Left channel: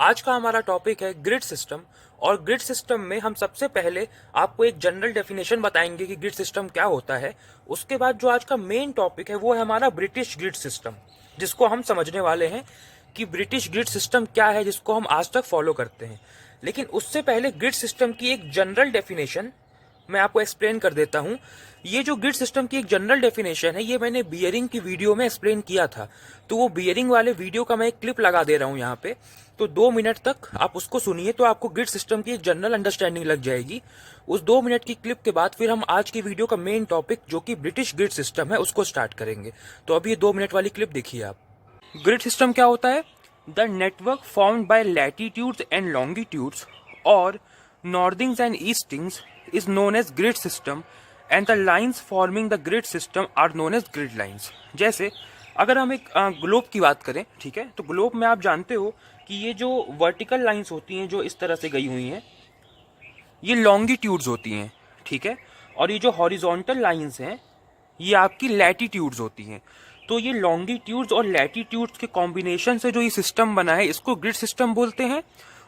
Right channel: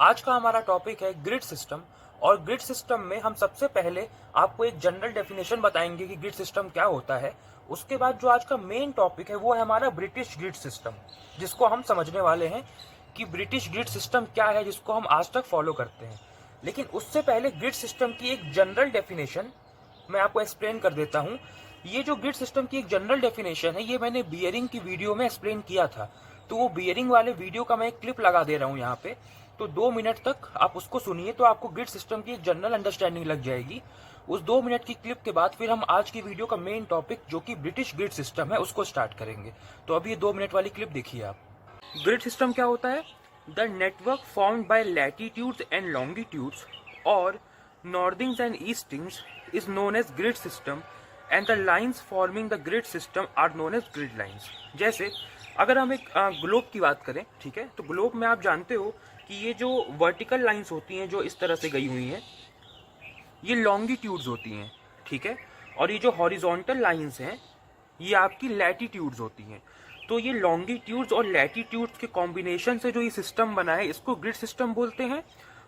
आज का हमारा टॉपिक है ग्रिड सिस्टम। और ग्रिड सिस्टम में हम सबसे पहले आपको एक जनरल डेफिनेशन बताएंगे कि ग्रिड सिस्टम क्या होता है। उसके बाद जो आज का मेन टॉपिक है वो है हमारा ब्रिटिश ग्रिड सिस्टम, जिसको हम समझने वाले हैं कि ब्रिटिश ग्रिड सिस्टम क्या है, जिसको हम आज तक फॉलो करते हैं। लेकिन उससे पहले ग्रिड सिस्टम की एक जनरल डेफिनेशन मैं आपको एक्सप्लेन कर देता हूँ। ये जो ग्रिड सिस्टम की एक जनरल डेफिनेशन है, ये मैंने बियरिंग की वीडियो में एक्सप्लेन किया था। तो वो बियरिंग वाले वीडियो का मैं एक क्लिप लगा दे रहा हूँ यहाँ पे, तो 2 मिनट तक आप उसको सुनिए, तो आपको ग्रिड सिस्टम की एक जनरल अंडरस्टैंडिंग लग जाएगी। उस 2 मिनट की क्लिप के बाद फिर हम आज की वीडियो का मेन टॉपिक जो कि ब्रिटिश ग्रिड सिस्टम है उसको स्टार्ट करेंगे। तो अभी ये 2 मिनट वाली क्लिप देखिए आप। ग्रिड सिस्टम क्या होता है? The network formed by latitudes and longitudes और northings and eastings is known as grid system and the lines forming the grid system are known as grid lines। जैसे अगर हम एक ग्लोब की बात करें, ठीक है, तो ग्लोब में आप जानते हो कि ये जो वर्टिकल लाइंस होती हैं जो इस तरह से गई हुई हैं, ये लॉन्गिट्यूड्स होती हैं, ठीक है, और ये जो हॉरिजॉन्टल लाइंस हैं ये आपकी लैटिट्यूड्स होती हैं। तो ये लॉन्गिट्यूड्स और लैटिट्यूड्स के कॉम्बिनेशन से जो ये सिस्टम बना है इसको ग्रिड सिस्टम बोलते हैं।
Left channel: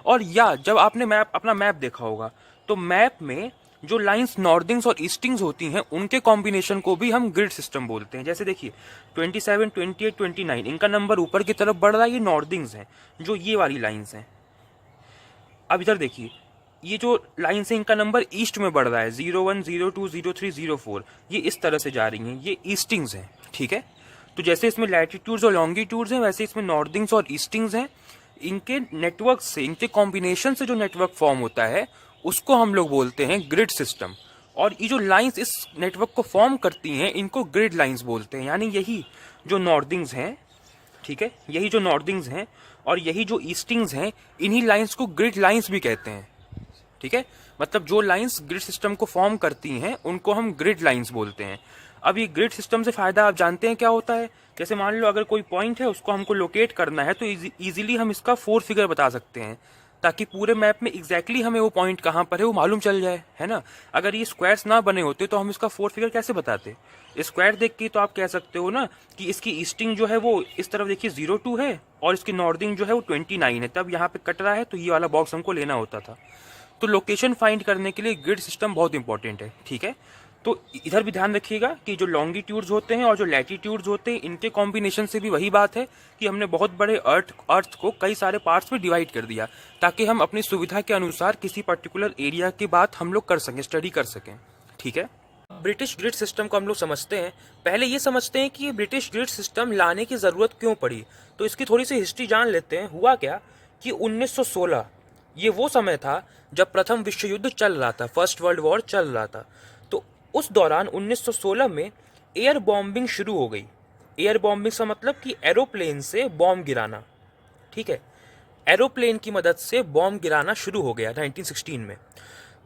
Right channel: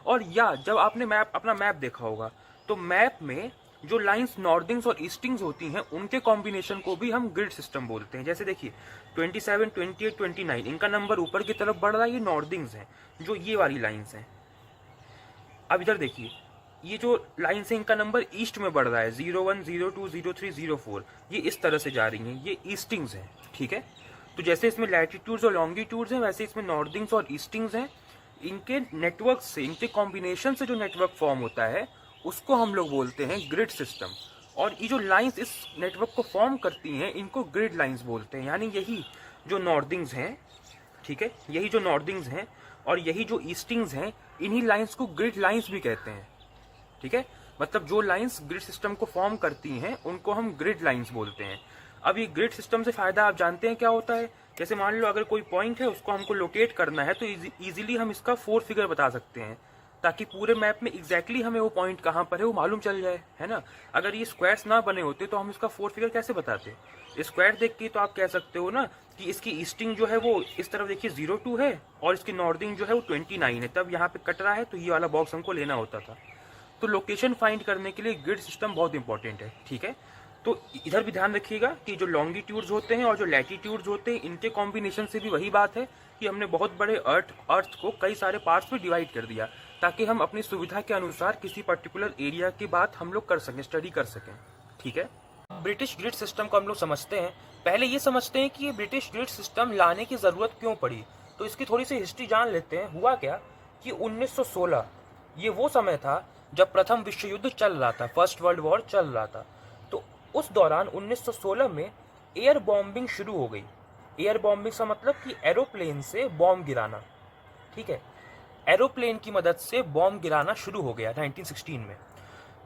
और या जब आपने अपना मैप देखा होगा तो मैप में जो लाइंस नॉर्थिंग्स और ईस्टिंग्स होती हैं उनके कॉम्बिनेशन को भी हम ग्रिड सिस्टम बोलते हैं। जैसे देखिए 27, 28, 29 इनका नंबर ऊपर की तरफ बढ़ रहा है, ये नॉर्थिंग्स हैं, जो ये वाली लाइंस हैं। अब इधर देखिए, ये जो लाइंस है इनका नंबर ईस्ट में बढ़ रहा है, 01, 02, 03, 04, ये इस तरह से जा रही हैं, ये ईस्टिंग्स हैं, ठीक है। तो जैसे इसमें लैटिट्यूड्स और लॉन्गिट्यूड्स हैं वैसे इसमें नॉर्थिंग्स और ईस्टिंग्स हैं। इनके नेटवर्क से, इनके कॉम्बिनेशन से जो नेटवर्क फॉर्म होता है उसको हम लोग बोलते हैं ग्रिड सिस्टम। और ये जो लाइंस इस नेटवर्क को फॉर्म करती हैं इनको ग्रिड लाइंस बोलते हैं। यानी यही जो नॉर्थिंग्स हैं, ठीक है, यही जो नॉर्थिंग्स हैं और यही जो ईस्टिंग्स हैं, इन्हीं लाइंस को ग्रिड लाइंस भी कहते हैं, ठीक है। मतलब जो लाइंस ग्रिड सिस्टम को फॉर्म करती हैं उनको हम ग्रिड लाइंस बोलते हैं। अब ये ग्रिड सिस्टम से फायदा आप जानते हैं क्या होता है? जैसे मान लो अगर कोई पॉइंट है उसको हमको लोकेट करना है तो इजीली हम इसका 4 फिगर बता सकते हैं, ताकि पूरे मैप में एग्जैक्टली हमें वो पॉइंट कहाँ पर है वो मालूम चल जाए, है ना। अगर ये स्क्वायर्स ना बने होते तो हम इसका 4 फिगर कैसे बताते? स्क्वायर देख के तो आप कह सकते हो ना कि इसकी ईस्टिंग जो है वो इस तरफ देखिए 02 है और इसकी नॉर्थिंग जो है वो 29 है, तब यहाँ पे कट रहा है तो ये वाला बॉक्स हमको लेना होता था। तो लोकेशन फाइंड करने के लिए ग्रिड सिस्टम बहुत इंपॉर्टेंट है, ठीक है। तो इधर भी ध्यान रखिएगा कि जो लॉन्गिट्यूड्स होते हैं और जो लैटिट्यूड्स होते हैं इनके कॉम्बिनेशन से भी वही बात है कि हमने बहुत बड़े अर्थ को कई सारे पार्ट्स में डिवाइड कर दिया, ताकि हम अपनी सुविधा के अनुसार किसी पर्टिकुलर एरिया की बात हम लोग कर सकें, स्टडी कर सकें, ठीक है। ब्रिटिश ग्रिड सिस्टम को हम लोग समझते हैं। पहले ये समझते हैं कि ये ब्रिटिश ग्रिड सिस्टम लाने की ज़रूरत क्यों पड़ी। तो इसकी थोड़ी सी हिस्ट्री जान लेते हैं। हुआ क्या कि 1916 ये वो समय था जब प्रथम विश्व युद्ध चल रहा था, फर्स्ट वर्ल्ड वॉर चल रहा था। तो उस दौरान 1916 में एयर बॉम्बिंग शुरू हो गई। एयर बॉम्बिंग का मतलब कि एरोप्लेन से बॉम्ब गिराना, ठीक है। एरोप्लेन की मदद से बॉम्ब गिराना शुरू हो गया 1916 में।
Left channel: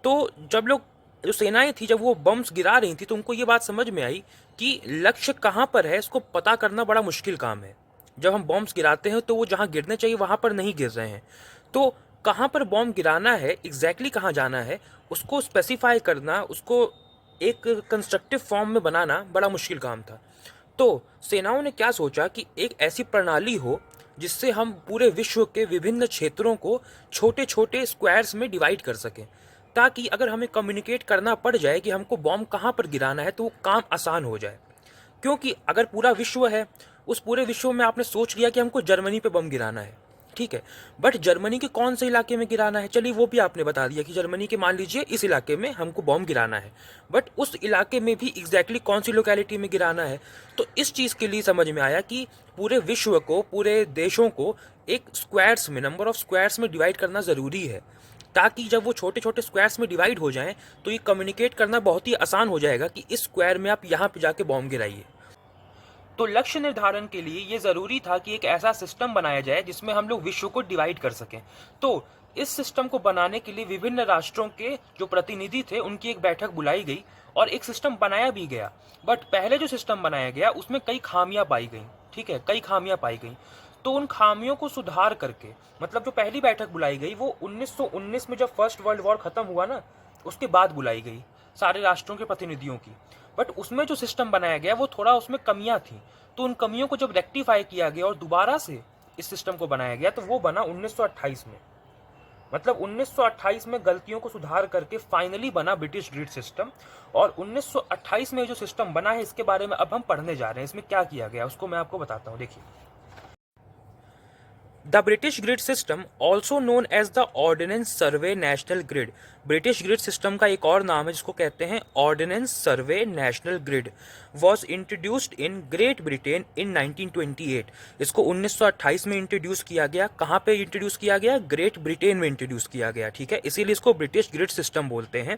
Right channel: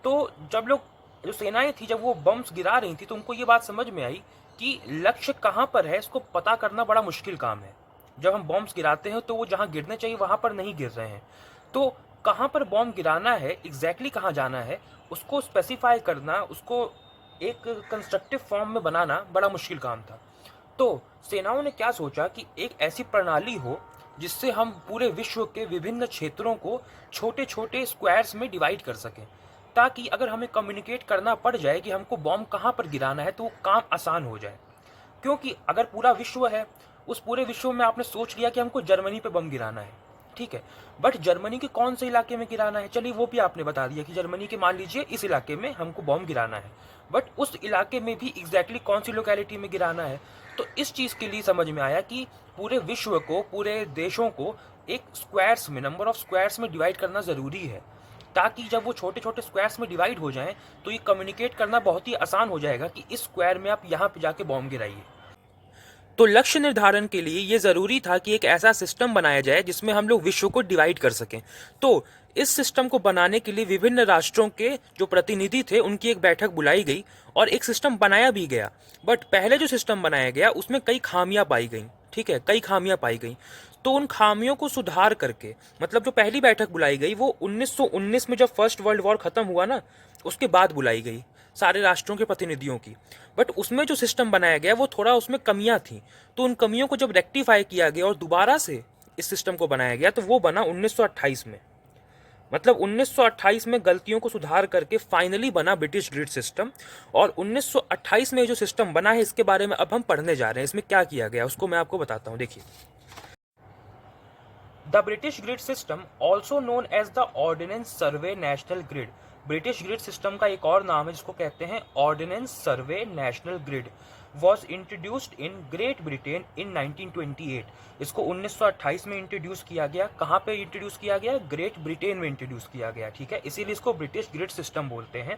तो जब लोग, जो सेनाएं थी, जब वो बम्स गिरा रही थी तो उनको ये बात समझ में आई कि लक्ष्य कहाँ पर है इसको पता करना बड़ा मुश्किल काम है। जब हम बॉम्ब्स गिराते हैं तो वो जहाँ गिरने चाहिए वहाँ पर नहीं गिर रहे हैं। तो कहाँ पर बॉम्ब गिराना है, एग्जैक्टली कहाँ जाना है, उसको स्पेसिफाई करना, उसको एक कंस्ट्रक्टिव फॉर्म में बनाना बड़ा मुश्किल काम था। तो सेनाओं ने क्या सोचा कि एक ऐसी प्रणाली हो जिससे हम पूरे विश्व के विभिन्न क्षेत्रों को छोटे छोटे स्क्वायर्स में डिवाइड कर सकें, ताकि अगर हमें कम्युनिकेट करना पड़ जाए कि हमको बॉम्ब कहाँ पर गिराना है तो वो काम आसान हो जाए। क्योंकि अगर पूरा विश्व है, उस पूरे विश्व में आपने सोच लिया कि हमको जर्मनी पे बम गिराना है, ठीक है, बट जर्मनी के कौन से इलाके में गिराना है, चलिए वो भी आपने बता दिया कि जर्मनी के मान लीजिए इस इलाके में हमको बॉम्ब गिराना है, बट उस इलाके में भी एग्जैक्टली कौन सी लोकेलिटी में गिराना है। तो इस चीज़ के लिए समझ में आया कि पूरे विश्व को, पूरे देशों को एक स्क्वायर्स में, नंबर ऑफ स्क्वायर्स में डिवाइड करना ज़रूरी है, ताकि जब वो छोटे छोटे स्क्वायर्स में डिवाइड हो जाएं तो ये कम्युनिकेट करना बहुत ही आसान हो जाएगा कि इस स्क्वायर में आप यहाँ पे जाके बॉम्ब गिराइए। तो लक्ष्य निर्धारण के लिए ये ज़रूरी था कि एक ऐसा सिस्टम बनाया जाए जिसमें हम लोग विश्व को डिवाइड कर सकें। तो इस सिस्टम को बनाने के लिए विभिन्न राष्ट्रों के जो प्रतिनिधि थे उनकी एक बैठक बुलाई गई और एक सिस्टम बनाया भी गया। बट पहले जो सिस्टम बनाया गया उसमें कई खामियां पाई गई, ठीक है, कई खामियां पाई गई। तो उन खामियों को सुधार करके, मतलब जो पहली बैठक बुलाई गई वो 1919 में जब फर्स्ट वर्ल्ड वॉर खत्म हुआ ना, उसके बाद बुलाई गई सारे राष्ट्रों के प्रतिनिधियों की। बट उसमें जो सिस्टम बनाया गया वो थोड़ा उसमें कमियां थी। तो उन कमियों को जब रेक्टिफाई किया गया और दोबारा से इस सिस्टम को बनाया गया, तो वो बना 1928 में। मतलब 1928 में गलतियों को सुधार करके फाइनली बना ब्रिटिश ग्रिड सिस्टम। और 1928 में जो सिस्टम बना है इसके बारे में अब हम पढ़ने जा रहे हैं। इसमें क्या किया गया उसको मैं आपको बताता हूँ। देखिए, the British grid system also known as the ordnance survey national grid. British grid system का एक और नाम है जिसको कहते हैं ordnance survey national grid. Was introduced in Great Britain in 1928। इसको 1928 में इंट्रोड्यूस किया गया। कहाँ पे इंट्रोड्यूस किया गया? ग्रेट ब्रिटेन में इंट्रोड्यूस किया गया। ठीक है, इसीलिए इसको ब्रिटिश ग्रिड सिस्टम बोलते हैं।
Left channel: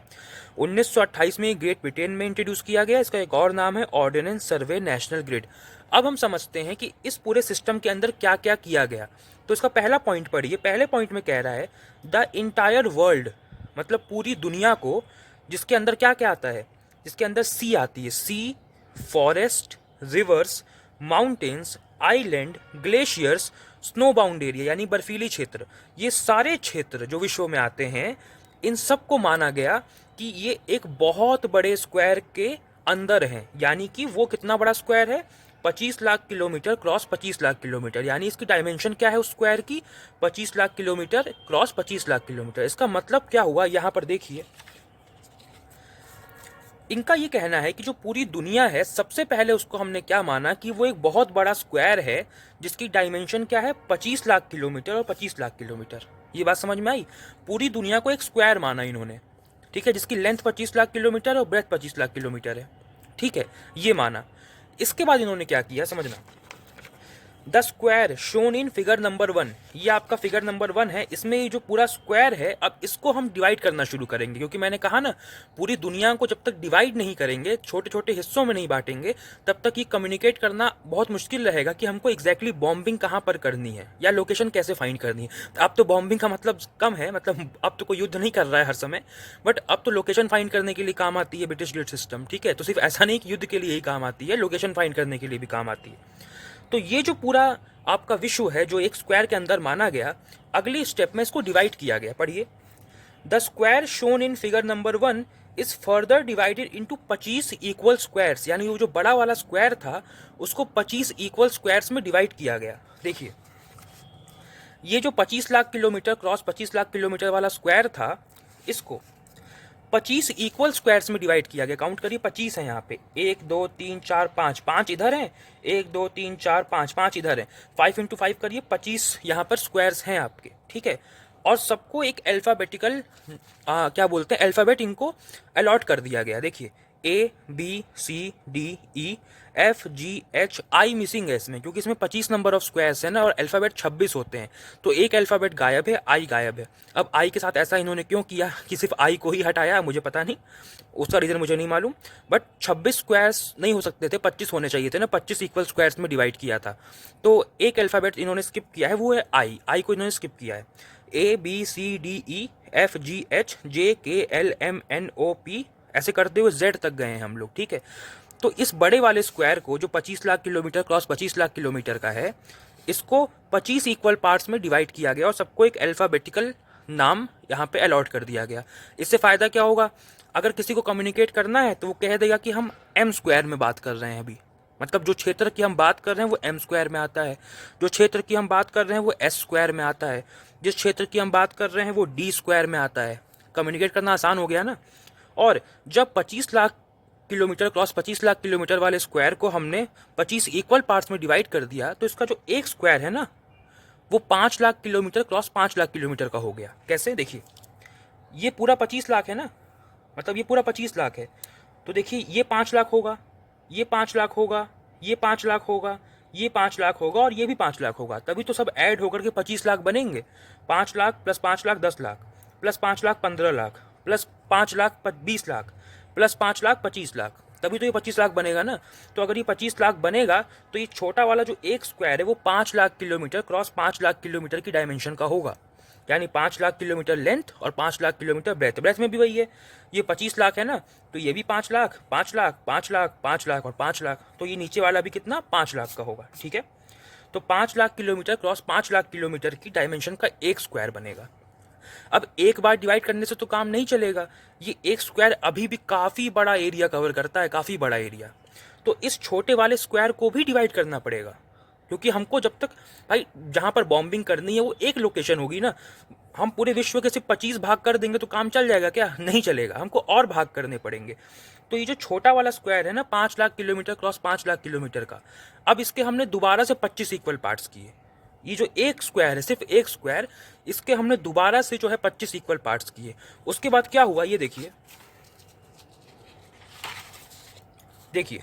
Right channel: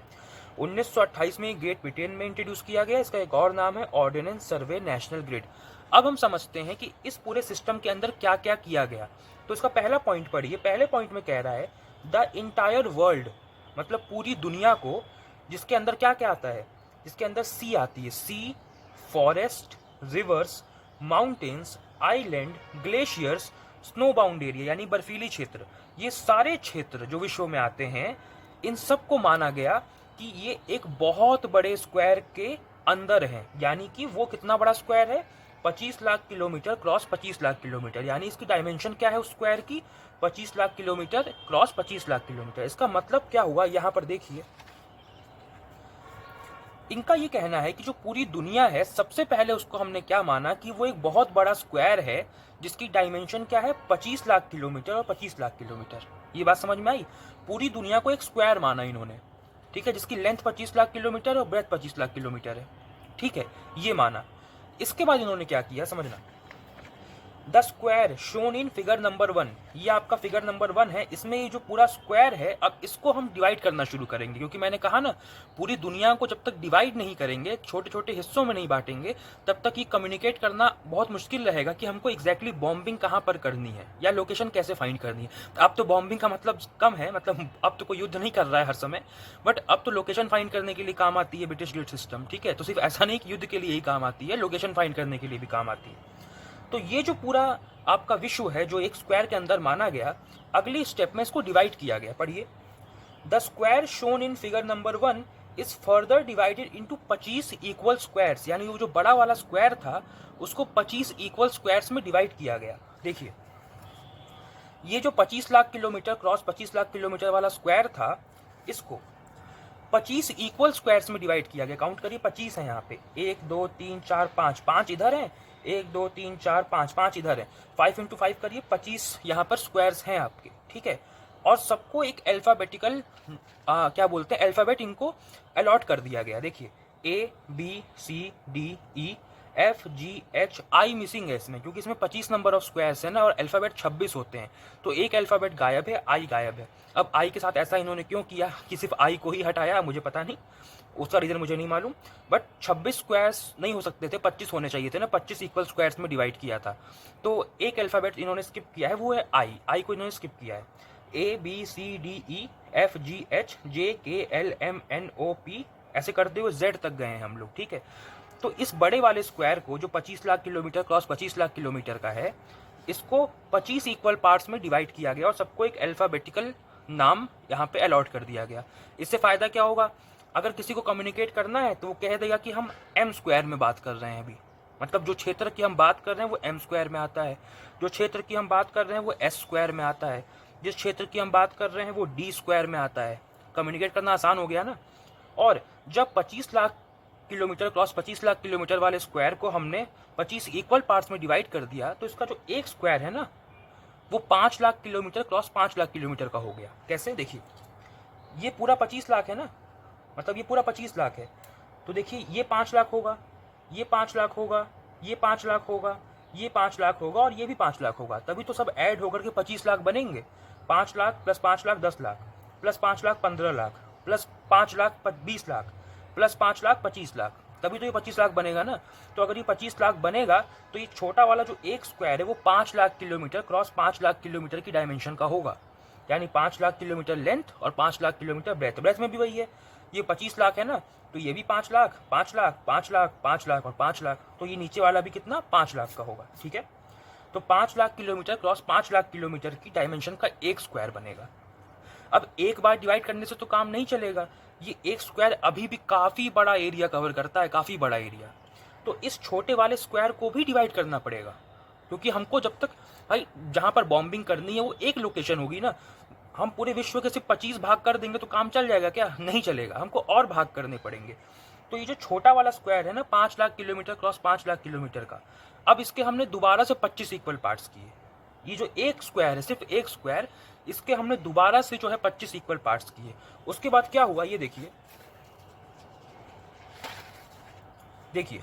1928 में ग्रेट ब्रिटेन में इंट्रोड्यूस किया गया। इसका एक और नाम है ऑर्डिनेंस सर्वे नेशनल ग्रिड। अब हम समझते हैं कि इस पूरे सिस्टम के अंदर क्या क्या किया गया। तो इसका पहला पॉइंट पढ़िए। पहले पॉइंट में कह रहा है द इंटायर वर्ल्ड, मतलब पूरी दुनिया को, जिसके अंदर क्या क्या आता है? जिसके अंदर सी आती है, sea, forest, rivers, mountains, island, glaciers, snow bound area यानी बर्फीली क्षेत्र, ये सारे क्षेत्र जो विश्व में आते हैं, इन सब को माना गया कि ये एक बहुत बड़े स्क्वायर के अंदर हैं। यानी कि वो कितना बड़ा स्क्वायर है? 25 lakh kilometre cross 25 lakh kilometre. यानी इसकी डायमेंशन क्या है उस स्क्वायर की? 25 lakh kilometre cross 25 lakh kilometre. इसका मतलब क्या हुआ? यहाँ पर देखिए, इनका ये कहना है कि जो पूरी दुनिया है, सबसे पहले उसको हमने क्या माना कि वो एक बहुत बड़ा स्क्वायर है जिसकी डायमेंशन क्या है? 25 लाख किलोमीटर और 25 लाख किलोमीटर। ये बात समझ में आई? पूरी दुनिया को एक स्क्वायर माना इन्होंने, ठीक है, जिसकी लेंथ 25 लाख किलोमीटर और ब्रेथ 25 लाख किलोमीटर है। ठीक है, ये माना। इसके बाद इन्होंने क्या किया समझना। The square shown in figure number 1, ये आपका फिगर नंबर 1 है। इसमें ये जो पूरा स्क्वायर है, अब इसको हम डिवाइड करना शुरू करेंगे, क्योंकि मैंने कहा ना, पूरी दुनिया को जब तक डिवाइड नहीं करेंगे, छोटे छोटे हिस्सों में नहीं बांटेंगे, तब तक ये कम्युनिकेट करना बहुत मुश्किल रहेगा कि हमको एग्जैक्टली बॉम्बिंग कहाँ पर करनी है या लोकेशन कैसे फाइंड करनी है। अब तो बॉम्बिंग का मतलब कम है, मतलब अब तो कोई युद्ध नहीं कर रहा है हर समय, बट अब तो लोकेशन फाइंड करने के लिए काम आती है ब्रिटिश ग्रिड सिस्टम। ठीक है, तो सिर्फ ऐसा नहीं कि युद्ध के लिए ही काम आती है, लोकेशन फाइंड करने के लिए भी काम आती है। तो ये जो पूरा आपका विश्व है जो एक स्क्वायर के अंदर माना गया, अगली स्टेप में इसको डिवाइड किया गया। पढ़िए, the square shown in figure number 1 is further divided into 25 equal squares. यानी वो जो बड़ा वाला स्क्वायर था उसको 25 इक्वल स्क्वायर्स में डिवाइड किया गया। देखिए, ये जो 25 lakh kilometre cross 25 lakh kilometre वाला स्क्वायर था, इसको 25 इक्वल स्क्वायर्स में डिवाइड किया गया। काउंट करिए, 25 है यहाँ पे, 1 2 3 4 5, 5 इधर है, 1 2 3 4 5, 5 इधर है। 5 इंटू 5 करिए, 25 यहाँ पर स्क्वायर्स हैं आपके। ठीक है, और सबको एक अल्फाबेटिकल क्या बोलते हैं, अल्फाबेट इनको अलॉट कर दिया गया। देखिए, A B C D E F G H I missing है इसमें, क्योंकि इसमें 25 नंबर ऑफ स्क्वायर्स है ना, और अल्फाबेट 26 होते हैं, तो एक अल्फाबेट गायब है, I गायब है। अब I के साथ ऐसा इन्होंने क्यों किया कि सिर्फ I को ही हटाया, मुझे पता नहीं, उसका रीज़न मुझे नहीं मालूम, बट 26 स्क्वायर्स नहीं हो सकते थे, 25 होने चाहिए थे ना, 25 इक्वल स्क्वायर्स में डिवाइड किया था। तो एक अल्फाबेट इन्होंने स्किप किया है, वो है I को इन्होंने स्किप किया है। A B C D E F G H J K L M N O P ऐसे करते हुए Z तक गए हैं हम लोग। ठीक है, तो इस बड़े वाले स्क्वायर को जो 25 lakh kilometre cross 25 lakh kilometre का है, इसको 25 इक्वल पार्ट्स में डिवाइड किया गया और सबको एक अल्फाबेटिकल नाम यहाँ पे अलॉट कर दिया गया। इससे फ़ायदा क्या होगा? अगर किसी को कम्युनिकेट करना है तो वो कह देगा कि हम एम स्क्वायर में बात कर रहे हैं अभी, मतलब जो क्षेत्र की हम बात कर रहे हैं वो एम स्क्वायर में आता है, जो क्षेत्र की हम बात कर रहे हैं वो एस स्क्वायर में आता है, जिस क्षेत्र की हम बात कर रहे हैं वो डी स्क्वायर में आता है। कम्युनिकेट करना आसान हो गया ना। और जब 25 lakh kilometre cross 25 lakh kilometre वाले स्क्वायर को हमने 25 इक्वल पार्ट्स में डिवाइड कर दिया, तो इसका जो एक स्क्वायर है ना, वो 5 lakh kilometre cross 5 lakh kilometre का हो गया। कैसे? देखिए, ये पूरा 25 लाख है ना, मतलब ये पूरा 25 लाख है, तो देखिए ये 5 लाख होगा, ये 5 लाख होगा, ये 5 लाख होगा, ये 5 लाख होगा और ये भी 5 लाख होगा, तभी तो सब ऐड होकर के 25 लाख बनेंगे। 5 lakh plus 5 lakh 10 lakh, plus 5 lakh 15 lakh, plus 5 lakh 20 lakh, plus 5 lakh 25 lakh, तभी तो ये 25 लाख बनेगा ना। तो अगर ये 25 लाख बनेगा तो ये छोटा वाला जो एक स्क्वायर है वो 5 lakh kilometre cross 5 lakh kilometre की डायमेंशन का होगा, यानी 5 लाख किलोमीटर लेंथ और 5 लाख किलोमीटर ब्रेथ। ब्रेथ में भी वही है, ये 25 लाख है ना, तो ये भी 5 लाख 5 लाख 5 लाख 5 लाख और 5 लाख, तो ये नीचे वाला भी कितना 5 लाख का होगा। ठीक है, तो 5 lakh kilometre cross 5 lakh kilometre की डायमेंशन का एक स्क्वायर बनेगा। अब एक बार डिवाइड करने से तो काम नहीं चलेगा, ये एक स्क्वायर अभी भी काफ़ी बड़ा एरिया कवर करता है, काफ़ी बड़ा एरिया, तो इस छोटे वाले स्क्वायर को भी डिवाइड करना पड़ेगा। क्योंकि हमको जब तक भाई जहाँ पर बॉम्बिंग करनी है वो एक लोकेशन होगी ना। हम पूरे विश्व के सिर्फ 25 भाग कर देंगे तो काम चल जाएगा क्या? नहीं चलेगा, हमको और भाग करने पड़ेंगे। तो ये जो छोटा वाला स्क्वायर है ना 5 lakh kilometre cross 5 lakh kilometre का, अब इसके हमने दोबारा से 25 इक्वल पार्ट्स किए। ये जो एक स्क्वायर है, सिर्फ एक स्क्वायर, इसके हमने दोबारा से जो है 25 इक्वल पार्ट्स किए। उसके बाद क्या हुआ ये देखिए, देखिए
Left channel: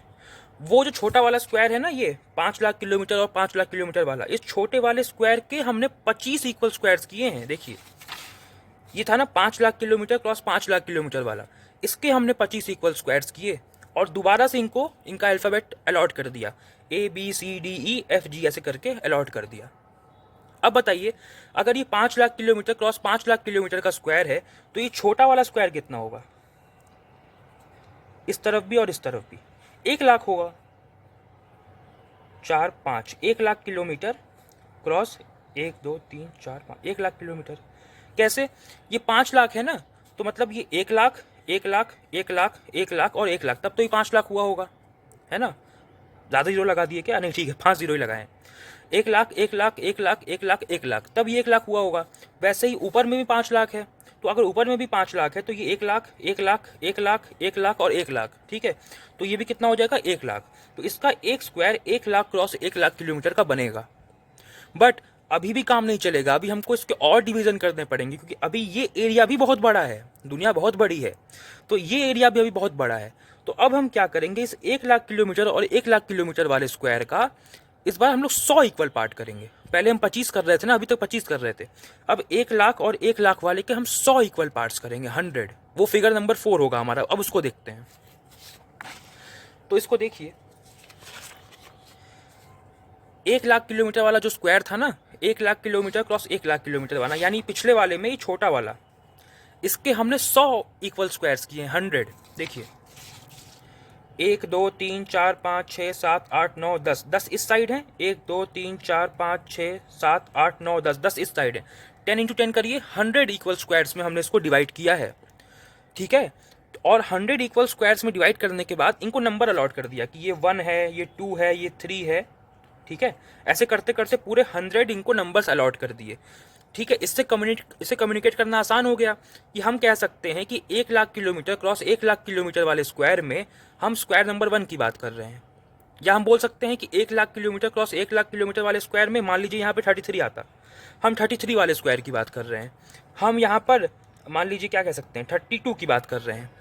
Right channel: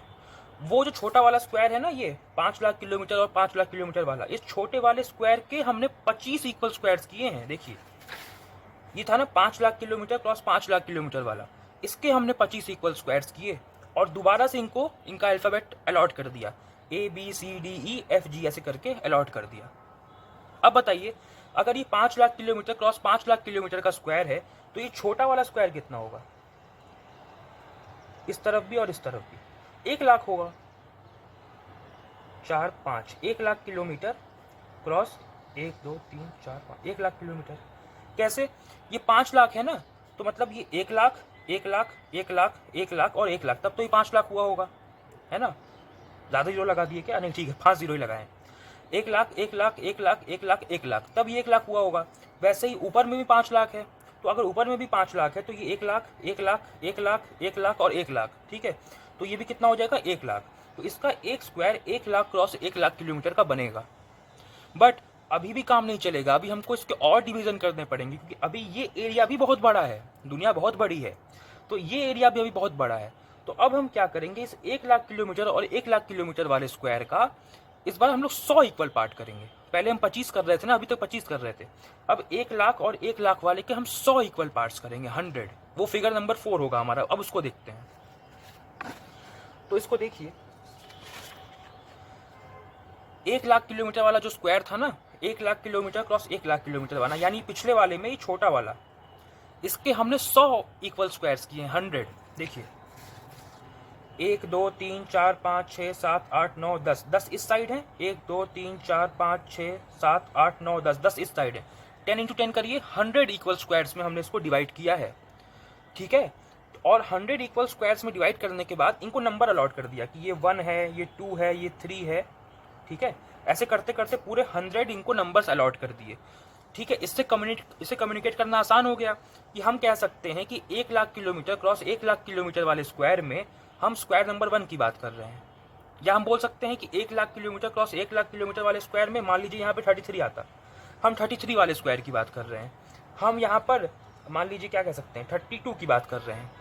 वो जो छोटा वाला स्क्वायर है ना, ये 5 लाख किलोमीटर और 5 लाख किलोमीटर वाला, इस छोटे वाले स्क्वायर के हमने 25 इक्वल स्क्वायर्स किए हैं। देखिए ये था ना 5 lakh kilometre cross 5 lakh kilometre वाला, इसके हमने 25 इक्वल स्क्वायर्स किए और दोबारा से इनका अल्फ़ाबेट अलॉट कर दिया, ABCDEFG ऐसे करके अलॉट कर दिया। अब बताइए, अगर ये 5 lakh kilometre cross 5 lakh kilometre का स्क्वायर है तो ये छोटा वाला स्क्वायर कितना होगा? इस तरफ भी और इस तरफ भी 1 लाख होगा। 4 5 1 lakh kilometre cross 1 2 3 4 5 1 lakh kilometre. कैसे? ये 5 लाख है ना, तो मतलब ये 1 लाख 1 लाख 1 लाख 1 लाख और 1 लाख, तब तो ये 5 लाख हुआ होगा, है ना? ज़्यादा जीरो लगा दिए क्या? नहीं ठीक है, 5 जीरो ही लगाएं। 1 लाख 1 लाख 1 लाख 1 लाख 1 लाख, तब ये 1 लाख हुआ होगा। वैसे ही ऊपर में भी 5 लाख है, तो अगर ऊपर में भी 5 लाख है तो ये 1 लाख 1 लाख 1 लाख 1 लाख और 1 लाख, ठीक है? तो ये भी कितना हो जाएगा? 1 लाख। तो इसका एक square 1 lakh cross 1 lakh kilometre का बनेगा। बट अभी भी काम नहीं चलेगा, अभी हमको इसके और डिवीजन करने पड़ेंगे, क्योंकि अभी ये एरिया भी बहुत बड़ा है, दुनिया बहुत बड़ी है, तो ये एरिया भी अभी बहुत बड़ा है। तो अब हम क्या करेंगे, इस 1 लाख किलोमीटर और 1 लाख किलोमीटर वाले स्क्वायर का इस बार हम लोग 100 इक्वल पार्ट करेंगे। पहले हम 25 कर रहे थे ना, अभी तक 25 कर रहे थे। अब 1 लाख और 1 लाख वाले के हम 100 इक्वल पार्ट्स करेंगे, 100। वो फिगर नंबर 4 होगा हमारा। अब उसको देखते हैं। तो इसको देखिए, 1 लाख किलोमीटर वाला जो स्क्वायर था ना, 1 lakh kilometre cross 1 lakh kilometre वाला, यानी पिछले वाले में ये छोटा वाला, इसके हमने 100 इक्वल स्क्वायर्स किए, 100। देखिए 1 2 3 4 5 6 7 8 9 10, 10 इस साइड है, 1 2 3 4 5 6 7 8 9 10, 10 इस साइड है। 10 इंटू 10 करिए, 100 इक्वल स्क्वायर्स में हमने इसको डिवाइड किया है, ठीक है? और 100 इक्वल स्क्वायर्स में डिवाइड करने के बाद इनको नंबर अलॉट कर दिया कि ये 1 है, ये 2 है, ये 3 है, ठीक है? ऐसे करते करते पूरे 100 इनको नंबर्स अलॉट कर दिए, ठीक है? इससे कम्युनिकेट करना आसान हो गया कि हम कह सकते हैं कि 1 lakh kilometre cross 1 lakh kilometre वाले स्क्वायर में हम स्क्वायर नंबर 1 की बात कर रहे हैं। या हम बोल सकते हैं कि 1 lakh kilometre cross 1 lakh kilometre वाले स्क्वायर में मान लीजिए यहाँ पे 33 आता, हम 33 वाले स्क्वायर की बात कर रहे हैं। हम यहाँ पर मान लीजिए क्या कह सकते हैं, 32 की बात कर रहे हैं।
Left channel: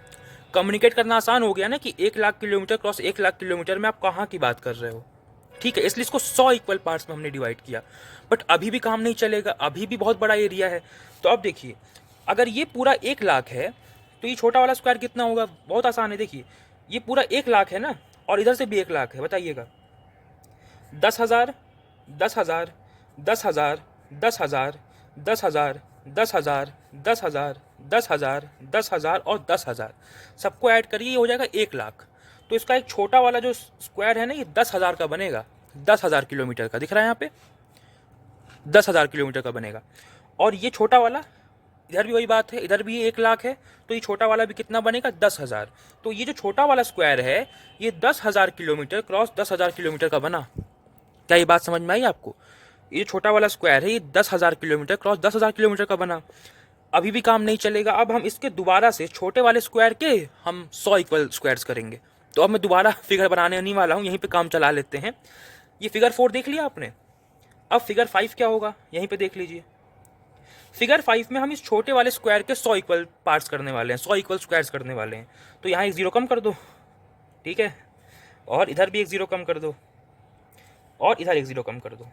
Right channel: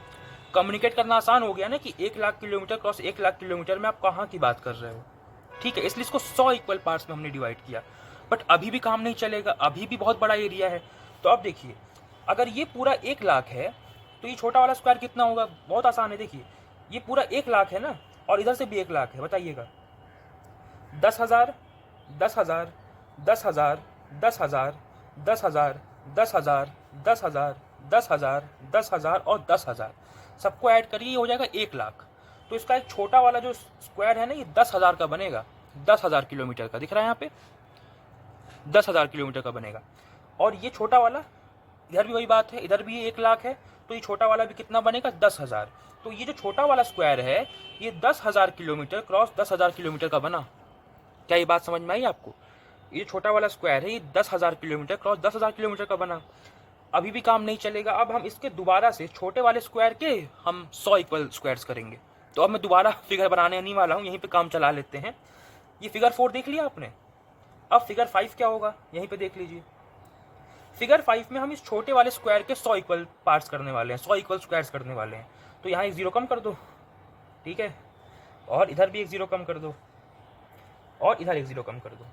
कम्युनिकेट करना आसान हो गया ना कि 1 lakh kilometre cross 1 lakh kilometre में आप कहाँ की बात कर रहे हो, ठीक है? इसलिए इसको 100 इक्वल पार्ट्स में हमने डिवाइड किया। बट अभी भी काम नहीं चलेगा, अभी भी बहुत बड़ा एरिया है। तो अब देखिए, अगर ये पूरा 1 लाख है तो ये छोटा वाला स्क्वायर कितना होगा? बहुत आसान है। देखिए ये पूरा 1 लाख है ना, और इधर से भी 1 लाख है, बताइएगा। 10,000 10,000 10,000 10,000 10,000 10,000 10,000 10,000 10,000 और 10,000, सबको ऐड करिए, ये हो जाएगा 1 लाख। तो इसका एक छोटा वाला जो स्क्वायर है ना, ये 10,000 का बनेगा, 10,000 किलोमीटर का दिख रहा है यहाँ पे, 10,000 किलोमीटर का बनेगा। और ये छोटा वाला, इधर भी वही बात है, इधर भी 1 लाख है, तो ये छोटा वाला भी कितना बनेगा? 10,000। तो ये जो छोटा वाला स्क्वायर है ये 10,000 किलोमीटर क्रॉस 10,000 किलोमीटर का बना। क्या ये बात समझ में आई आपको? ये छोटा वाला स्क्वायर है, ये 10,000 किलोमीटर क्रॉस 10,000 किलोमीटर का बना। अभी भी काम नहीं चलेगा, अब हम इसके दोबारा से छोटे वाले स्क्वायर के हम 100 इक्वल स्क्वायर्स करेंगे। तो अब मैं दोबारा फिगर बनाने नहीं वाला हूँ, यहीं पे काम चला लेते हैं। ये फिगर 4 देख लिया आपने। अब फिगर 5 क्या होगा, यहीं पे देख लीजिए। फिगर 5 में हम इस छोटे वाले स्क्वायर के 100 इक्वल पार्ट्स करने वाले हैं, 100 इक्वल स्क्वायर्स करने वाले हैं। तो यहाँ एक जीरो कम कर दो, ठीक है? और इधर भी एक जीरो कम कर दो, और इधर एक जीरो कम कर दो।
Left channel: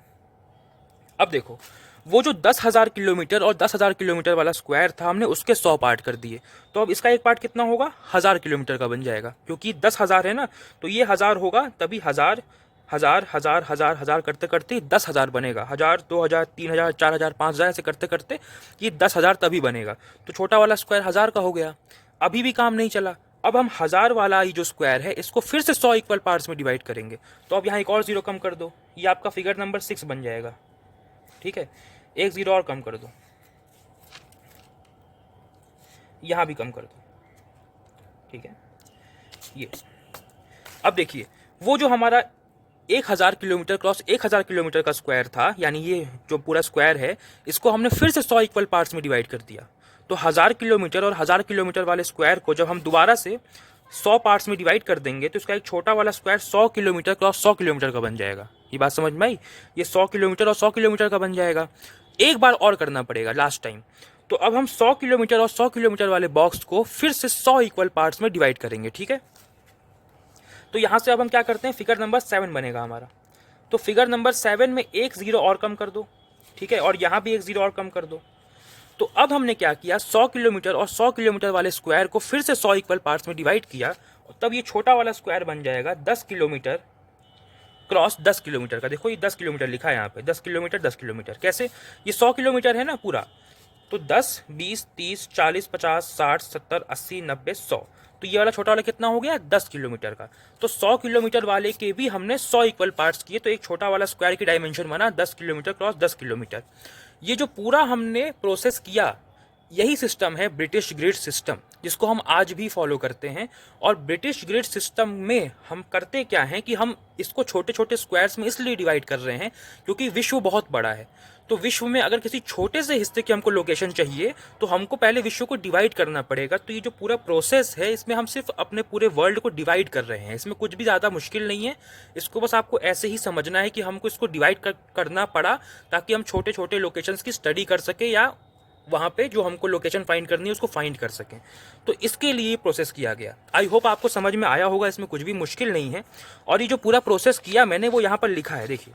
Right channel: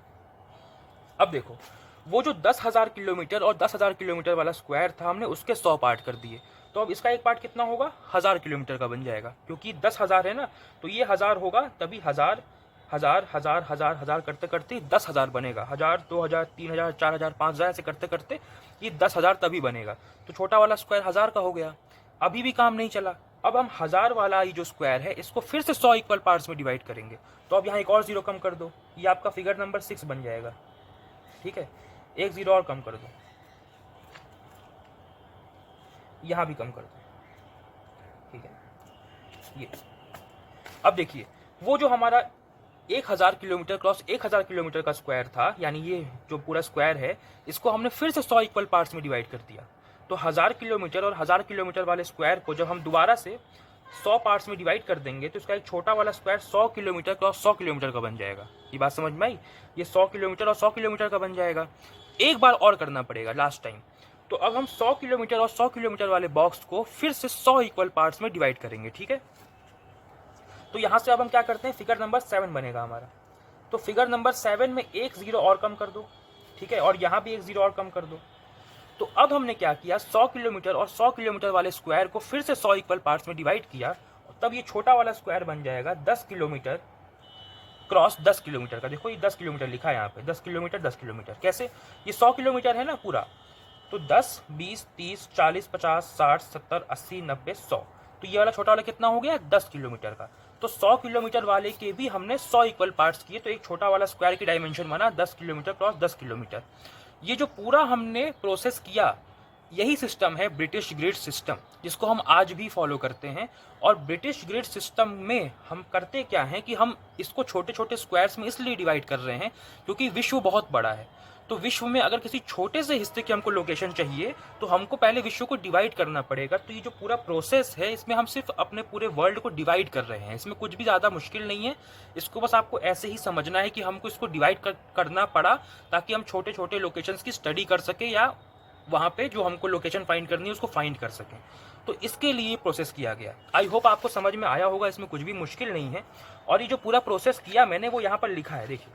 अब देखो, वो जो 10,000 किलोमीटर और 10,000 किलोमीटर वाला स्क्वायर था, हमने उसके 100 पार्ट कर दिए। तो अब इसका एक पार्ट कितना होगा? 1,000 किलोमीटर का बन जाएगा, क्योंकि 10,000 है ना, तो ये 1,000 होगा, तभी 1,000 1,000 1,000 1,000 1,000 करते करते 10,000 बनेगा। 1,000 2,000 3,000 4,000 5,000 ऐसे करते करते ये 10,000 तभी बनेगा। तो छोटा वाला स्क्वायर 1,000 का हो गया। अभी भी काम नहीं चला, अब हम 1,000 वाला ही जो स्क्वायर है इसको फिर से 100 इक्वल पार्ट्स में डिवाइड करेंगे। तो अब यहाँ एक और जीरो कम कर दो, ये आपका फिगर नंबर 6 बन जाएगा, ठीक है? एक जीरो और कम कर दो, यहाँ भी कम कर दो, ठीक है? ये अब देखिए, वो जो हमारा 1000 किलोमीटर क्रॉस 1000 किलोमीटर का स्क्वायर था, यानी ये जो पूरा स्क्वायर है इसको हमने फिर से 100 इक्वल पार्ट्स में डिवाइड कर दिया। तो 1000 किलोमीटर और 1000 किलोमीटर वाले स्क्वायर को जब हम दोबारा से 100 पार्ट्स में डिवाइड कर देंगे तो इसका एक छोटा वाला स्क्वायर 100 किलोमीटर क्रॉस 100 किलोमीटर का बन जाएगा। ये बात समझ में आई? ये 100 किलोमीटर और 100 किलोमीटर का बन जाएगा। एक बार और करना पड़ेगा लास्ट टाइम। तो अब हम 100 किलोमीटर और 100 किलोमीटर वाले बॉक्स को फिर से 100 इक्वल पार्ट्स में डिवाइड करेंगे, ठीक है। तो यहाँ से अब हम क्या करते हैं, फिगर नंबर 7 बनेगा हमारा। तो फिगर नंबर 7 में एक जीरो और कम कर दो, ठीक है, और यहाँ भी एक जीरो और कम कर दो। तो अब हमने क्या किया, 100 किलोमीटर और 100 किलोमीटर वाले स्क्वायर को फिर से 100 इक्वल पार्ट्स में डिवाइड किया, तब ये छोटा वाला स्क्वायर बन जाएगा 10 किलोमीटर क्रॉस 10 किलोमीटर का। देखो ये 10 किलोमीटर लिखा है यहाँ पे, 10 किलोमीटर 10 किलोमीटर। कैसे, ये 100 किलोमीटर है ना पूरा, तो 10 20 30 40 50 60 70 80 90 100, तो ये वाला छोटा वाला कितना हो गया, 10 किलोमीटर का। तो 100 किलोमीटर वाले के भी हमने 100 इक्वल पार्ट्स किए, तो एक छोटा वाला स्क्वायर की डायमेंशन बना 10 किलोमीटर क्रॉस 10 किलोमीटर। ये जो पूरा हमने प्रोसेस किया, यही सिस्टम है ब्रिटिश ग्रिड सिस्टम, जिसको हम आज भी फॉलो करते हैं। और ब्रिटिश ग्रिड सिस्टम में हम करते क्या हैं कि हम इसको छोटे छोटे स्क्वायर्स में इसलिए डिवाइड कर रहे हैं क्योंकि विश्व बहुत बड़ा है। तो विश्व में अगर किसी छोटे से हिस्से की हमको लोकेशन चाहिए तो हमको पहले विश्व को डिवाइड करना पड़ेगा। तो ये जो पूरा प्रोसेस है इसमें हम सिर्फ अपने पूरे वर्ल्ड को डिवाइड कर रहे हैं, इसमें कुछ भी ज़्यादा मुश्किल नहीं है। इसको बस आपको ऐसे ही समझना है कि हमको इसको डिवाइड करना पड़ा ताकि हम छोटे छोटे लोकेशंस की स्टडी कर सकें या वहाँ पे जो हमको लोकेशन फाइंड करनी है उसको फाइंड कर सकें। तो इसके लिए प्रोसेस किया गया। आई होप आपको समझ में आया होगा, इसमें कुछ भी मुश्किल नहीं है। और ये जो पूरा प्रोसेस किया मैंने वो यहाँ पर लिखा है, देखिए।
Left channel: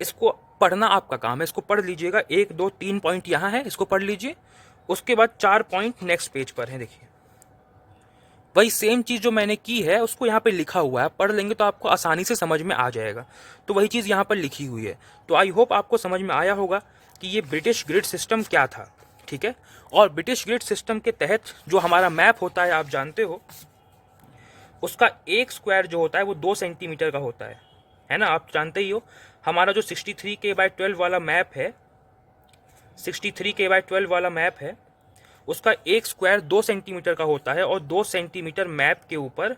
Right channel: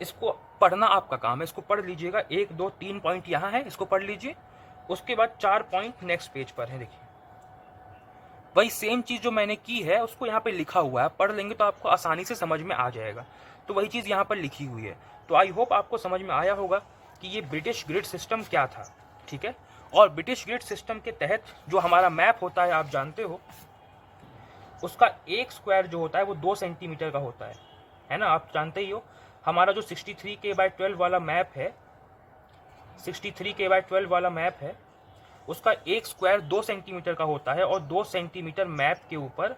इसको पढ़ना आपका काम है, इसको पढ़ लीजिएगा। 1 2 3 पॉइंट यहाँ है, इसको पढ़ लीजिए। उसके बाद 4 पॉइंट नेक्स्ट पेज पर है, देखिए। वही सेम चीज़ जो मैंने की है उसको यहाँ पे लिखा हुआ है, पढ़ लेंगे तो आपको आसानी से समझ में आ जाएगा। तो वही चीज़ यहाँ पर लिखी हुई है। तो आई होप आपको समझ में आया होगा कि ये ब्रिटिश ग्रिड सिस्टम क्या था, ठीक है। और ब्रिटिश ग्रिड सिस्टम के तहत जो हमारा मैप होता है आप जानते हो, उसका एक स्क्वायर जो होता है वो 2 सेंटीमीटर का होता है ना, आप जानते ही हो। हमारा जो 63K/12 वाला मैप है, 63K/12 वाला मैप है, उसका एक स्क्वायर 2 सेंटीमीटर का होता है। और 2 सेंटीमीटर मैप के ऊपर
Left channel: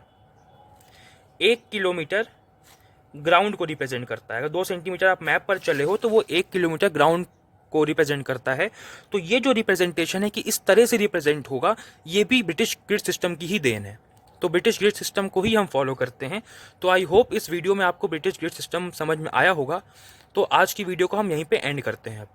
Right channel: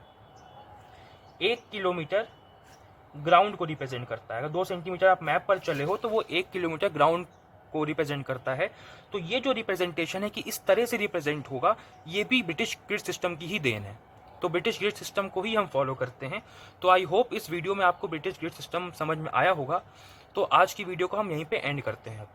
1 किलोमीटर ग्राउंड को रिप्रेजेंट करता है। अगर 2 सेंटीमीटर आप मैप पर चले हो तो वो 1 किलोमीटर ग्राउंड को रिप्रेजेंट करता है। तो ये जो रिप्रेजेंटेशन है कि इस तरह से रिप्रेजेंट होगा, ये भी ब्रिटिश ग्रिड सिस्टम की ही देन है। तो ब्रिटिश ग्रिड सिस्टम को ही हम फॉलो करते हैं। तो आई होप इस वीडियो में आपको ब्रिटिश ग्रिड सिस्टम समझ में आया होगा। तो आज की वीडियो को हम यहीं पे एंड करते हैं।